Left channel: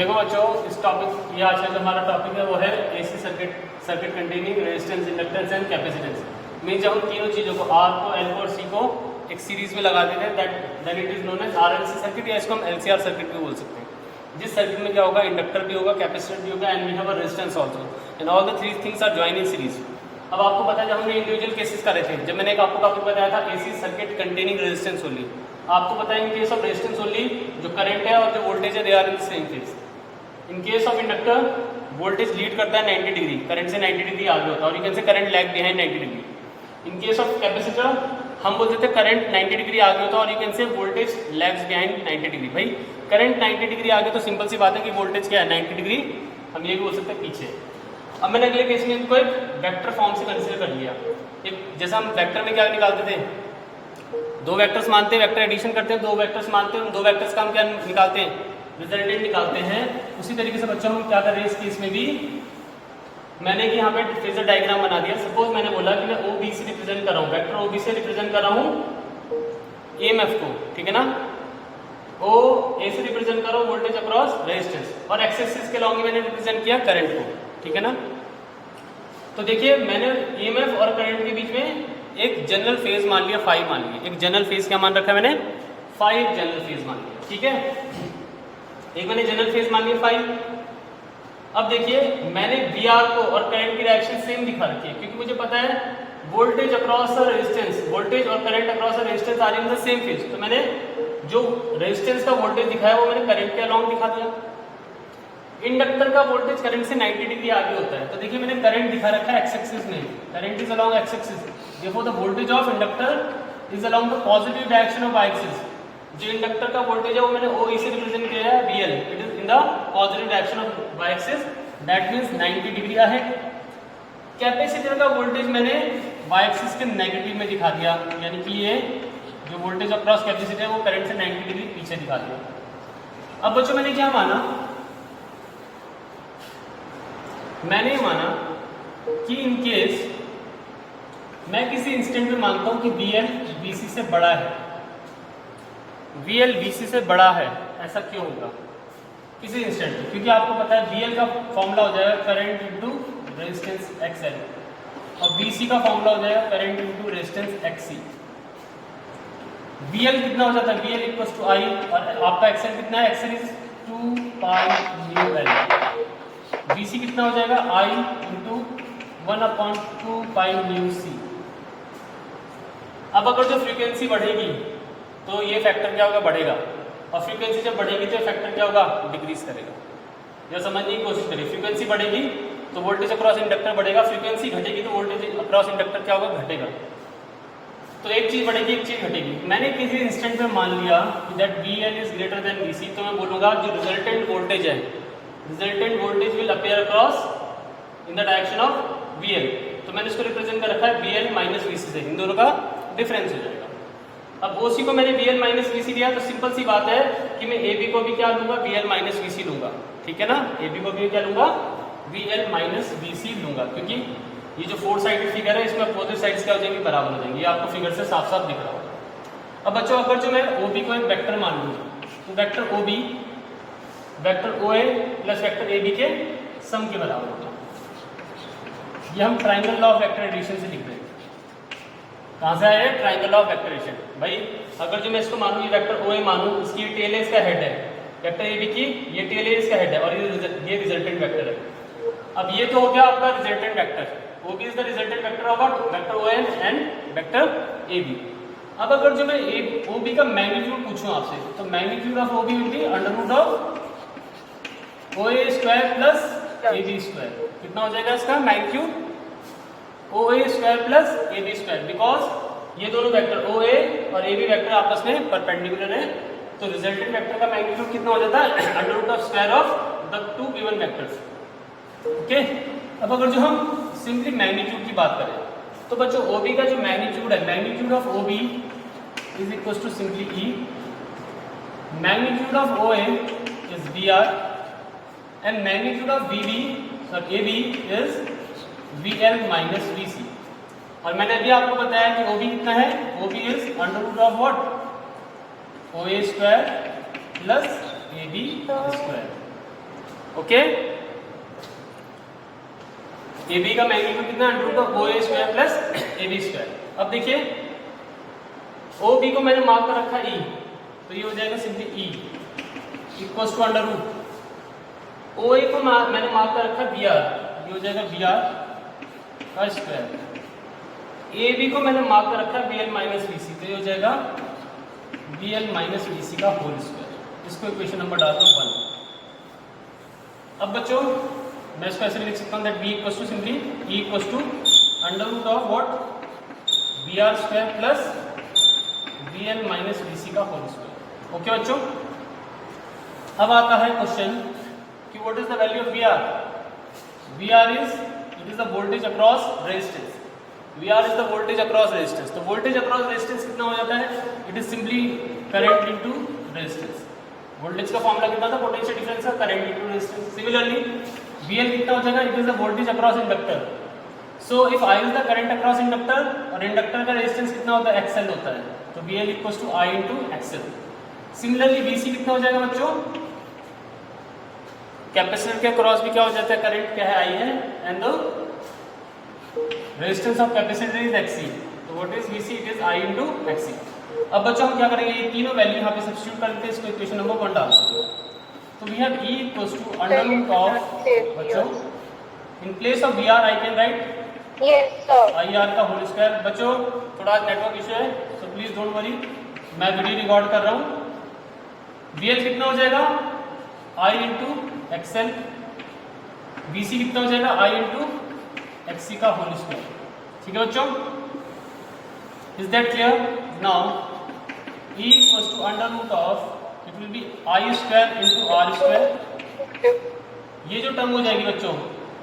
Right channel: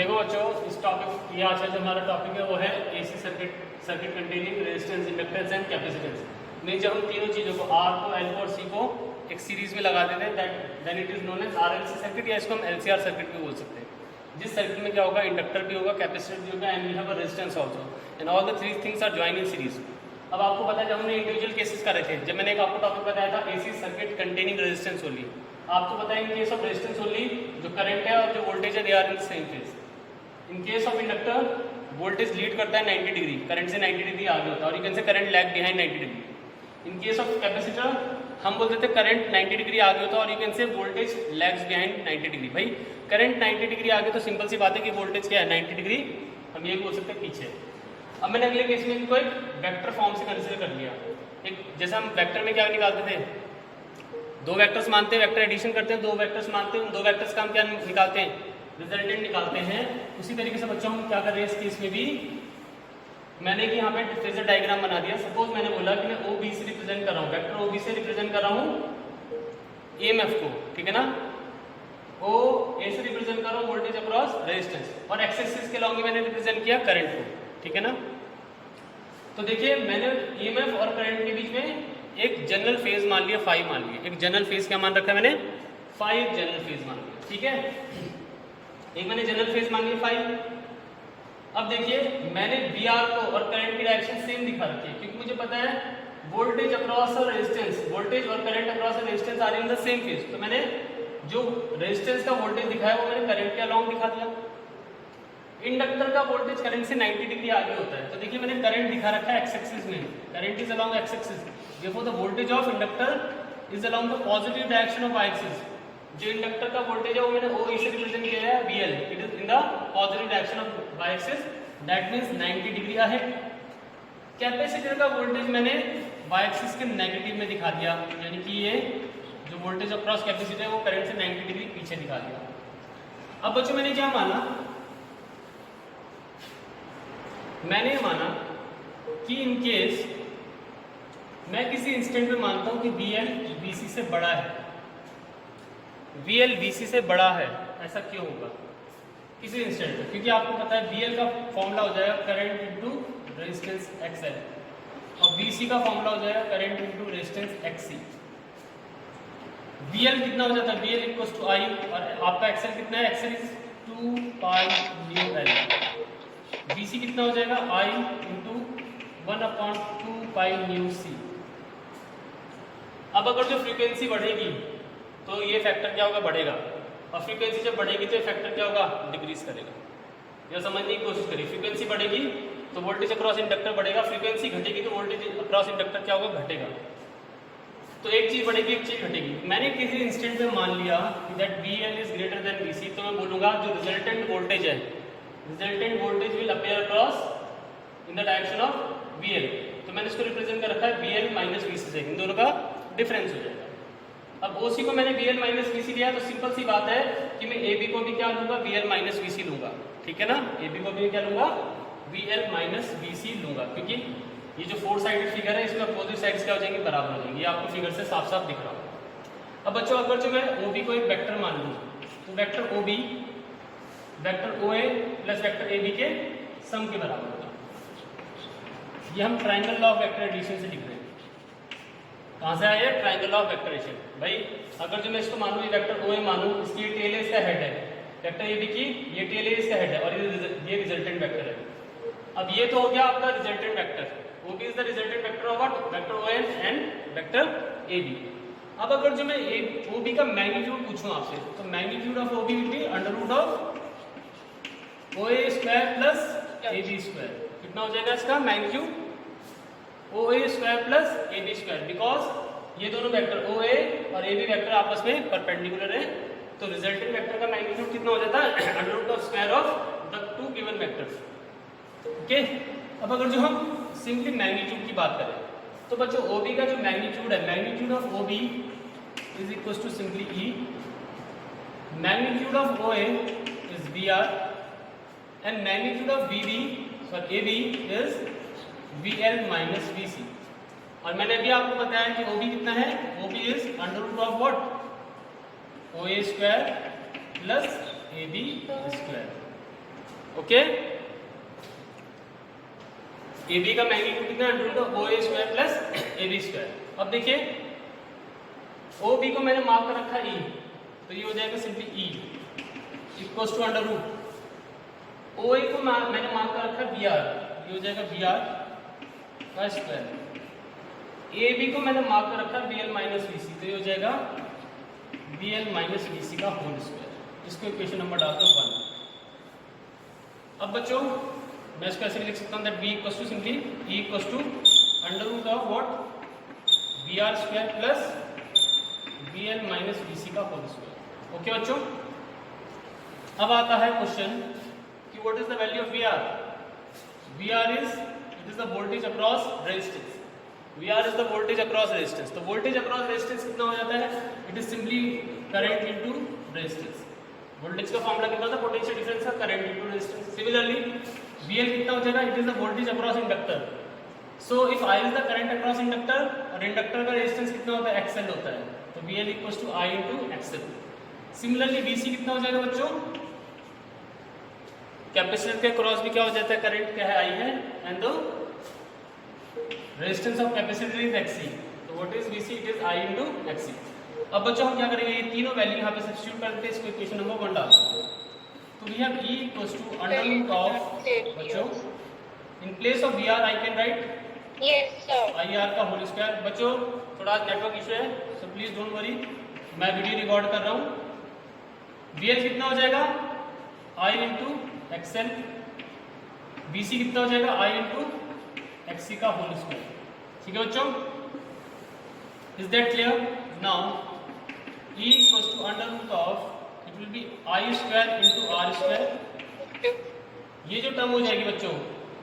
देखो बच्चों, इस टॉपिक ये आज का जो हमारा टॉपिक है वो है AC circuit containing resistance, inductance and capacitance. में जब हम तीनों चीज़ों को आर को, एल को और सी को एक सीरीज में लगा देते हैं then it is known as R L C circuit, या इसको हम एलसीआर सर्किट भी बोल सकते हैं। जिस सर्किट में क्या होगा, इंडक्टर भी होगा, कैपेसिटर भी होगा and we have a resistance also and all the three things are join in series. अब आपको पता है जब हमने इंडिविजुअल केसेस करे थे, जब मैंने एक आपको टॉपिक बताया था AC circuit containing resistance only, आपको पता है in case of resistance only जो करंट है और जो वोल्टेज है they are in same phase. In case of inductor voltage lead करता है 90 डिग्री, करंट से 90 डिग्री आगे होता है और यू कैन से current lag behind 90 degree. In case of capacitor हम बोलते थे करंट 90 डिग्री आगे होता है और you can say voltage lags behind 90 degree. भाई करंट 90 डिग्री आगे तो सिंपल सी बात है कि वोल्टेज क्या है 90 डिग्री, हम ये भी बोल सकते हैं पीछे। अब मैंने अगले केस में इनको एक वेक्टर फॉर्म से कंसीडर कर लिया। एक जैसा हम वेक्टर में क्या निकालते थे, दो वेक्टर्स मानते हैं, वेक्टर एडिशन करते हैं, दो वेक्टर्स मानते हैं, दो वेक्टर्स का हम क्या निकालते हैं, रिजल्टेंट निकालते हैं। उसी तरीके से बच्चों हम क्या कर रहे हैं इस केस में भी, मैंने कि यहाँ पे फेजर डायग्राम बना दिया। सपोज मैंने बोला कि मैं ओ बी से रिप्रेजेंट कर रहा हूँ, वेक्टर ओ बी से रिप्रेजेंट कर रहा हूँ ईएमएफ को, ठीक है ना। ओ ए से रिप्रेजेंट कर रहा हूँ वोल्टेज अक्रॉस रेजिस्टेंस, और एक्स एक्सिस के लॉन्ग मैंने रिप्रेजेंट किया करंट को, ठीक है ना। तो देखिए मैंने ईएमएफ और करंट के बीच में एक जनरल फेज मान लिया, फाई मान लिया। एक जनरल फेज क्या मान रखा है मैंने, फाई जनरल फेज मान लिया, ठीक है। एक मैंने जनरल फेज मान लिया फाई। अब देखिए मैंने वी आर को और करंट की डायरेक्शन सेम दिखा रखी है, क्योंकि मुझे पता है वोल्टेज अक्रॉस और रेजिस्टेंस, वोल्टेज और करंट अक्रॉस और resistance are in the same phase. तो मैंने जो रेजिस्टेंस का वोल्टेज दिखाया वो मैंने करंट के अलॉन्ग दिखा दिया। इंडक्टर का वोल्टेज करंट से 90 डिग्री आगे होता है, तो देखिए मैंने करंट दिखा रखा है एक्स एक्सिस में, current is along X axis, therefore the voltage of inductor is along the positive direction of Y axis. जो इंडक्टर का वोल्टेज है वो मैंने ओ से रिप्रेजेंट किया है VL, it is in the positive direction of Y axis, that means 90 degree है। Capacitor का वोल्टेज मैंने वाई एक्सिस के नेगेटिव में दिखा दिया, यानी कि ये जो वोल्टेज अक्रॉस कैपेसिटर है वो करंट से 90 डिग्री पीछे दिखा दिया। अब बच्चों मैंने क्या माना, मैंने माना कि इन केस मैं किसी इंस्टेंट में मानता हूं कि VL VC से बड़ा है, VL VC से बड़ा है, ऐसा क्यों होगा किसी इंस्टेंट में, क्योंकि आपको पता है VL का फॉर्मूला हो जाएगा करंट इनटू रेजिस्टेंस XL और VC का फॉर्मूला हो जाएगा current into resistance XC। VL कितना हो जाता है, VL इक्वल्स टू I, और आपका XL कितना है, XL is 2 pi mu L। VC कितना हो जाएगा, I into 1/2 pi mu C। अब अगर जो फ्रीक्वेंसी बढ़ेगी तो ये फैक्टर क्या होगा, बढ़ेगा, और फ्रीक्वेंसी जब बढ़ेगी तो ये फैक्टर क्या होगा, डिक्रीज करेगा। यह समझने की कोशिश करिए, फ्रीक्वेंसी बढ़ेगी तो वोल्टेज अक्रॉस इंडक्टर बढ़ेगा, फ्रीक्वेंसी घटेगी तो वोल्टेज अक्रॉस इंडक्टर क्या होगा, घटेगा। तो एक चीज बढ़ेगी एक चीज घटेगी। मैंने किसी इंस्टेंट में मान लिया that VL is greater than VC, तो मैं बोलूंगा जो रिजल्टेंट वोल्टेज है, resultant voltage will appear across in the direction of VL। तो मैंने इसको रिप्रेजेंट कर रखा है VL माइनस VC से, इन दोनों का डिफरेंस हो जाएगा। अब OC को मैंने VL माइनस VC दिया, तो सिंपल सी बात है कि मैं AB को भी क्या लूंगा, VL माइनस VC लूंगा, ठीक है ना। AB को भी क्या लूंगा, VL माइनस VC लूंगा, क्योंकि ये जो 4 साइडेड फिगर है इसमें अपोजिट साइड्स क्या हो जाएंगी, बराबर हो जाएंगी। ये आपको फिगर से साफ साफ दिख रहा होगा। अब बच्चों अगर जो मैं OB को एक वेक्टर मान लूँ, तो vector OB vector OA plus vector AB के सम के बराबर होगा। ये हम triangle law of vector addition से लिख रहे हैं। कहाँ से आए, triangle law of vector addition. भाई अगर जो मैं इसको मानूँ, ये वेक्टर OA मानूँ, इसकी टेल है, इसका हेड है, वेक्टर AB की ये टेल है, इसका हेड है, और ये रिजल्टेंट वेक्टर है। अब ये तो हो गया आपका resultant vector, OB is the resultant vector of vector OA and vector AB। अब अगर जो मैं OB का मैग्नीट्यूड पूछूं आपसे, तो magnitude of OB will be under root of OA square plus AB square. कितना हो जाएगा इसका magnitude, OA square plus AB square, because ये दोनों वेक्टर OA और AB वेक्टर आपस में परपेंडिकुलर है। तो रिजल्टेंट वेक्टर का मैग्नीट्यूड कितना हो जाता है, under root of square of the two given vectors, okay. अब अगर जो हम सिंपली मैग्नीट्यूड की बात करें, तो बच्चों OB का जो मैग्नीट्यूड है, magnitude of OB is equal to simply E, magnitude of OA is VR and magnitude of AB is VL minus VC। और मैंने अभी आपको बताया कि OB कितना है, OB is under root of what, OA square plus AB square. Okay, A B का magnitude कितना, under root of O A square plus A B square. अब देखिए ओ बी को मैंने मार्क कर रखा ई, तो ये हो जाएगा simply E equals to under root O A को मैंने मार्क कर रखा बी आर, ये हो जाएगा बी आर का स्क्वायर। ए बी को मैंने मार्क कर रखा B L minus B C, तो ये हो जाएगा बी एल माइनस बी सी का होल स्क्वायर। इसको इक्वेशन नंबर डालता हूँ 1। अब बच्चों मैं इसको ऐसे लिख सकता हूँ that B equals to simply E equals to under root of what B R square plus B L minus B C का होल स्क्वायर। ओके बच्चों, अब आता है क्वेश्चन कि what is the value of B R. B R is it is the voltage across resistance, V R is the voltage across resistance. तो voltage across resistance कितना हो जाता है, it is simply current into resistance. Voltage का formula कितना था, potential difference का current into resistance. Similarly V L कितना हो जाएगा, it is the voltage across inductor. So if I is the current across inductor और इंडक्टर का रेजिस्टेंस कितना होता है, एक्सएल होता है, तो V L equals to I into X L. Similarly V C कितना हो जाएगा बच्चों, कैपेसिटर के क्रॉस भी क्या हो जाता है, करंट क्या है, आई है, and the resistance of capacitor is XC, तो what is VC, it is I into XC. अब बच्चों हम क्या करेंगे, ये तीनों वैल्यू यहाँ पे सब्स्टिट्यूट करके इसको इक्वेशन नंबर 1 डाल सकते हैं। तो we have E equals to under root of, बच्चों in place of VR I can write I R का होल स्क्वायर। बच्चों थोड़ा नेटवर्क इशू है, सो प्लीज डोंट वरी, मैं वीडियो रिकॉर्ड कर रहा हूँ। VL कितना हो जाएगा, I इंटू एक्सएल, BC कितना हो जाएगा, I इंटू XC का होल स्क्वायर। ठीक है बच्चों, is that clear. Now E equals to under root of it will be I square into R square. ये जो टर्म हो जाएगी बच्चों,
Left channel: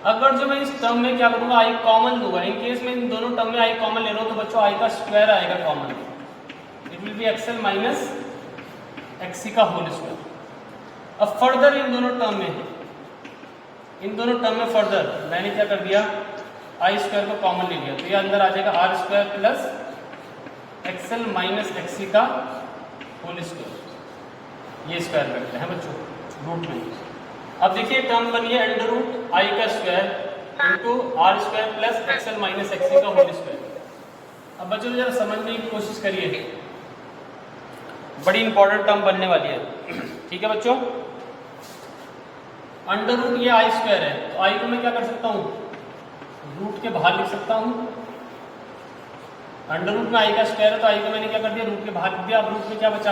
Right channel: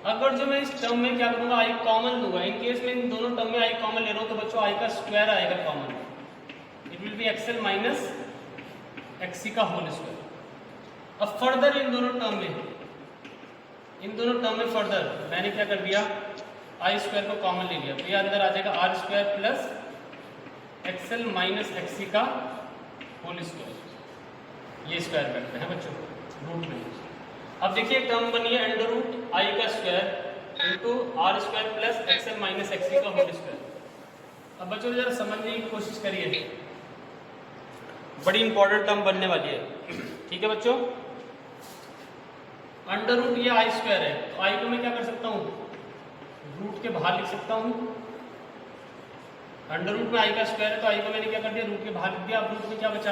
अगर जो मैं इस टर्म में क्या करूंगा, आई कॉमन लूंगा, इन केस में इन दोनों टर्म में आई कॉमन ले रहा हूं, तो बच्चों आई का स्क्वायर आएगा common, it will be X L minus XC का होल स्क्वायर। अब फर्दर इन दोनों टर्म में फर्दर मैंने क्या कर दिया, आई स्क्वायर को कॉमन ले लिया, तो ये अंदर आ जाएगा R square plus XL minus XC का होल स्क्वायर। ये स्क्वायर करते हैं बच्चों रूट में। अब देखिए टर्म बनी है अंडर रूट आई का square into R square plus XL minus XC का होल स्क्वायर। अब बच्चों जरा समझने की कोशिश करिए, बड़ी इंपॉर्टेंट टर्म बनने वाली है। ठीक है बच्चों, अंडर रूट ये आई स्क्वायर है, तो आई को मैं क्या कर सकता हूँ, रूट के बाहर लिख सकता हूँ। अंडर रूट में आई का स्क्वायर है, तो आई को मैंने क्या कर दिया, रूट के बाहर लिख दिया। अब रूट में क्या बचा,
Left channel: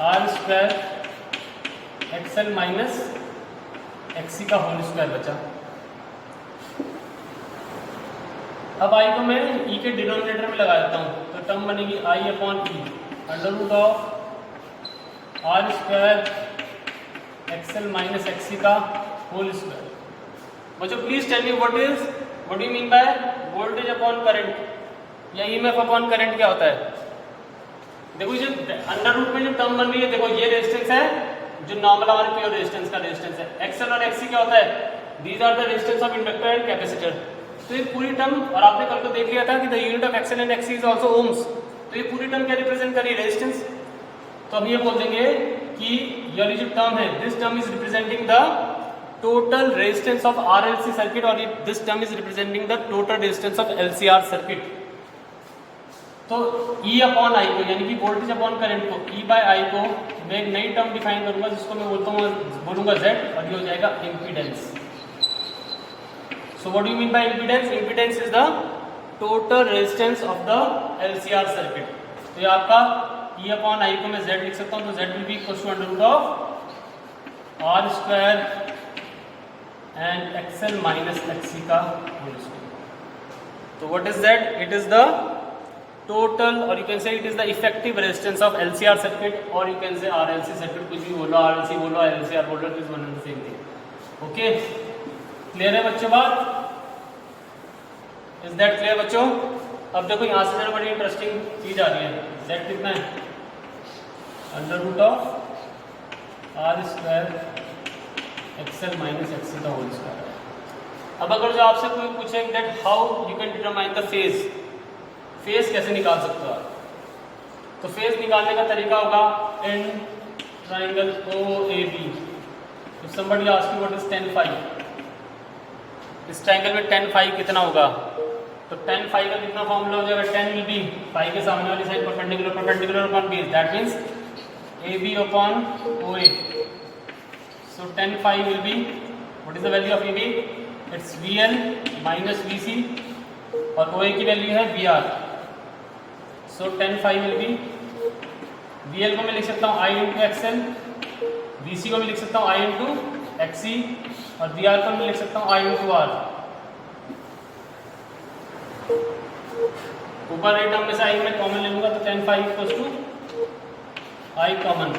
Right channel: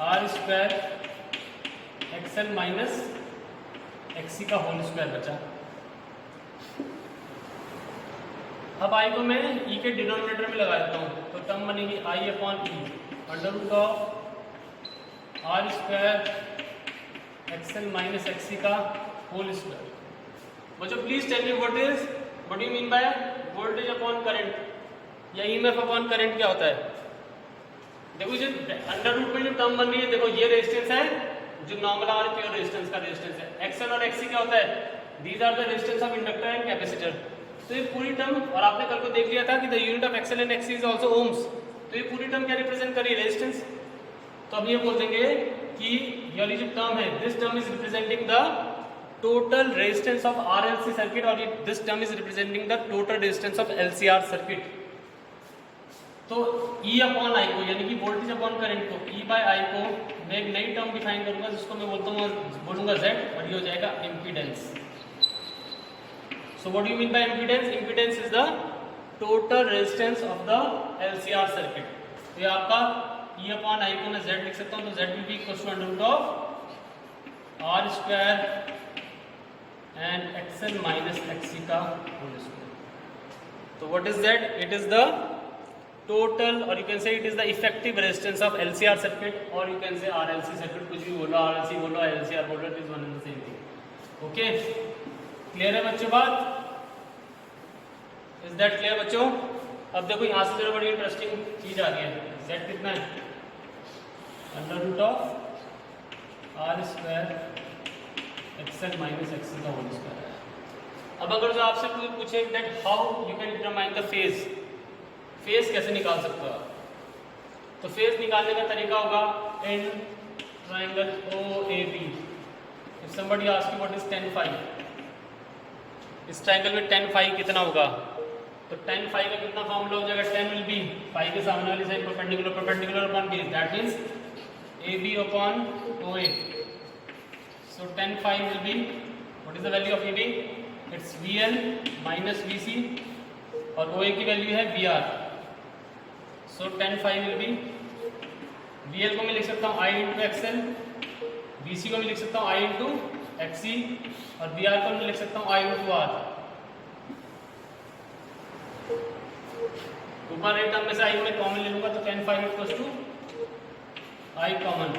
R square XL minus XC का होल स्क्वायर बचा। अब आई को मैं ई के डिनोमिनेटर में लगा देता हूँ, तो टर्म बनेगी I upon E under root of R square XL minus XC का होल स्क्वायर। बच्चों please tell me what you mean by voltage upon current या ईएमएफ अपॉन करंट क्या होता है। देखो जो अंडर रूट में जो टर्म बन रही है, देखो ये रेजिस्टेंस है जो नॉर्मल और प्योर रेजिस्टेंस का रेजिस्टेंस है। एक्सएल और एक्सी क्या होता है, these are the resistance of inductor and capacitor. तो ये पूरी टर्म, और आपने कल को देख लिया था कि the unit of XL and XC is also ohms, तो ये पूरी टर्म क्या रिप्रेजेंट कर रही है, रेजिस्टेंस। तो हम ये बोल देंगे कि ये जो टर्म है, this term is representing the total resistance of RLC circuit, और this term is representing the total resistance of LCR circuit. तो E अपॉन आई को, यानी कि वोल्टेज अपॉन करंट को, E बाय आई को मैं एक नई टर्म डिफाइन करूंगा जिसको मैं बोलूंगा Z, और ये हो जाएगा impedance. So what do you mean bye impedance, impedance is the total resistance of the LCR circuit. तो ये आपका E अपॉन आई को मैं Z लिख सकता हूं, तो Z will be equal to under root of R square and XL minus XC का होल स्क्वायर। तो what is that, it is the total, or you can say it is the effective resistance of LCR circuit, or you can say RLC circuit, कुछ भी बोलो, RLC बोलो, LCR बोलो, it is one and the same thing. Okay, clear है बच्चों बात, is that clear बच्चों। अब देखो यहाँ से बड़ी इंटरेस्टिंग चीज आ रही है, Z कितना है, under root of R square XL minus XC का होल स्क्वायर। अब अगर जो आपसे कोई पूछे that how you can determine the phase, phase कैसे निकाल सकते हो आप, तो फेज निकालने का तरीका होगा in triangle O A B If somebody asks you what is tan phi, इस ट्रायंगल में tan phi कितना होगा, तो tan phi का कितना फॉर्मूला हो जाएगा, tan will be phi के सामने वाली side perpendicular upon base, that means AB upon OA. So tan phi will be, what is the value of AB? It's VL minus VC और OA की value है VR. So tan phi will be, VL को मैं लिख सकता हूँ I into XL, VC को मैं लिख सकता हूँ I into XC और VR को मैं लिख सकता हूँ I into R. ऊपर एक टर्म में से I में कॉमन ले लूंगा तो tan phi equals to I common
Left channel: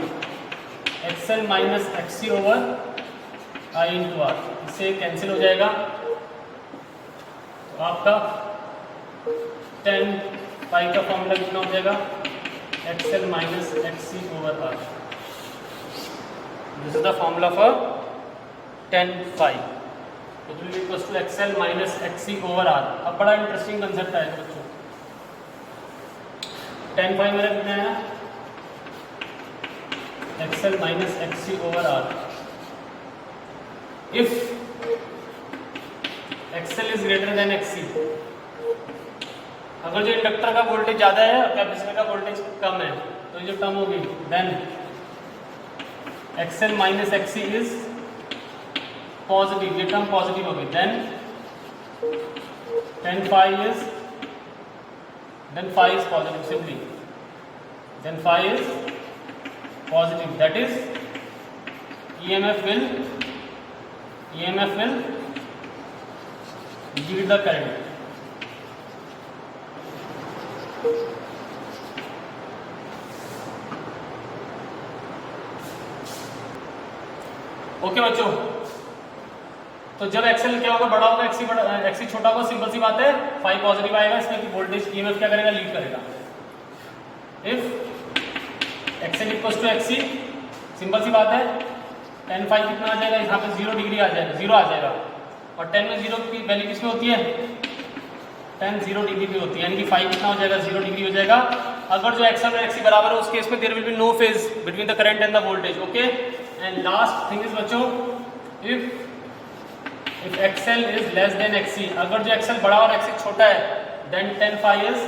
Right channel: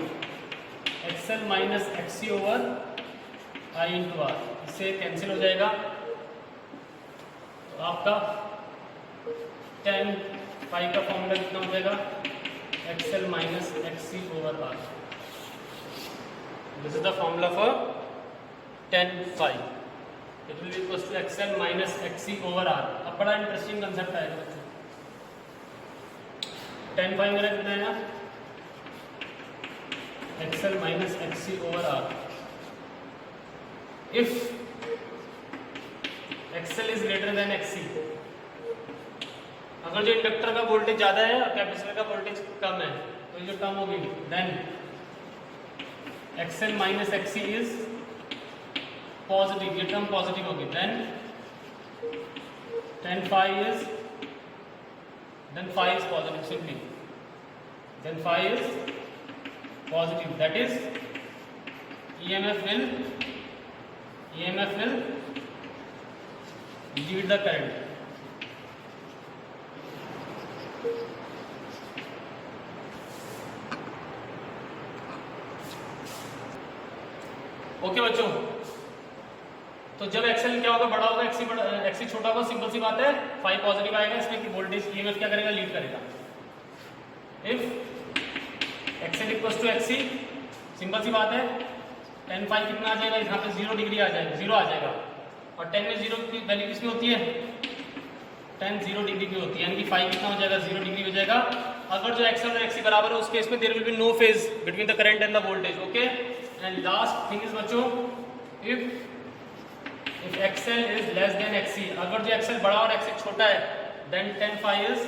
XL minus XC over I into R. इससे कैंसिल हो जाएगा तो आपका tan phi का फॉर्मूला कितना हो जाएगा, XL minus XC over R. This is the formula for tan phi. It will be equals to XL minus XC over R. अब बड़ा इंटरेस्टिंग कंसेप्ट आएगा बच्चों. tan phi मेरा कितना है, XL minus XC over R. If XL is greater than XC, अगर जो inductor का वोल्टेज ज्यादा है और कैपेसिटर का वोल्टेज कम है तो ये जो टर्म होगी, then XL minus XC is positive, ये टर्म पॉजिटिव होगी, then tan phi is positive simply, then phi is positive, that is EMF will lead the current. Okay बच्चों, तो जब एक्सेल क्या होगा, बड़ा होगा, एक्सी छोटा होगा, सिंपल सी बात है, फाई पॉजिटिव आएगा, इसमें कि वोल्टेज ईएमएफ क्या करेगा, लीड करेगा. If XL equals to XC, simple सी बात है, tan फाई कितना आ जाएगा, यहाँ पे 0 डिग्री आ जाएगा, 0 आ जाएगा, और tan में 0 की वैल्यू किसमें होती है, tan 0 डिग्री की होती है, यानी कि फाई कितना हो जाएगा, 0 डिग्री हो जाएगा. अगर जो एक्सेल और एक्सी बराबर है उस केस में there will be no phase between the current and the voltage. Okay, and last thing is बच्चों, if XL is less than XC, अगर जो एक्सेल बड़ा और एक्सी छोटा है, then tan phi is,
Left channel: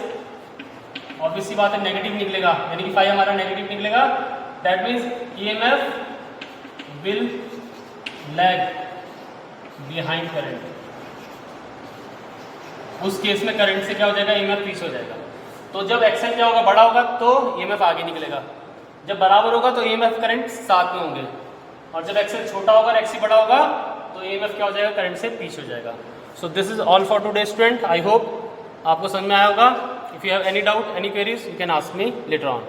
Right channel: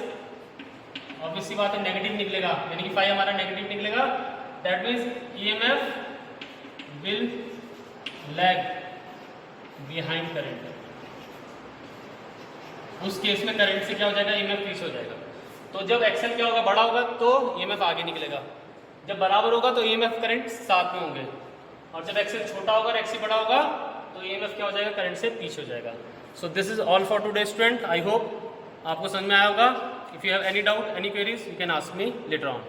obvious सी बात है, नेगेटिव निकलेगा, यानी कि फाई हमारा नेगेटिव निकलेगा. That means EMF will lag behind current. उस केस में करंट से क्या हो जाएगा, ईएमएफ पीछे हो जाएगा. तो जब एक्सेल क्या होगा, बड़ा होगा तो ईएमएफ आगे निकलेगा, जब बराबर होगा तो ईएमएफ करंट साथ में होंगे, और जब एक्सेल छोटा होगा और एक्सी बड़ा होगा तो ईएमएफ क्या हो जाएगा, करंट से पीछे हो जाएगा. So this is all for today student. I hope आपको समझ में आया होगा. If you have any doubt, any queries, you can ask me later on.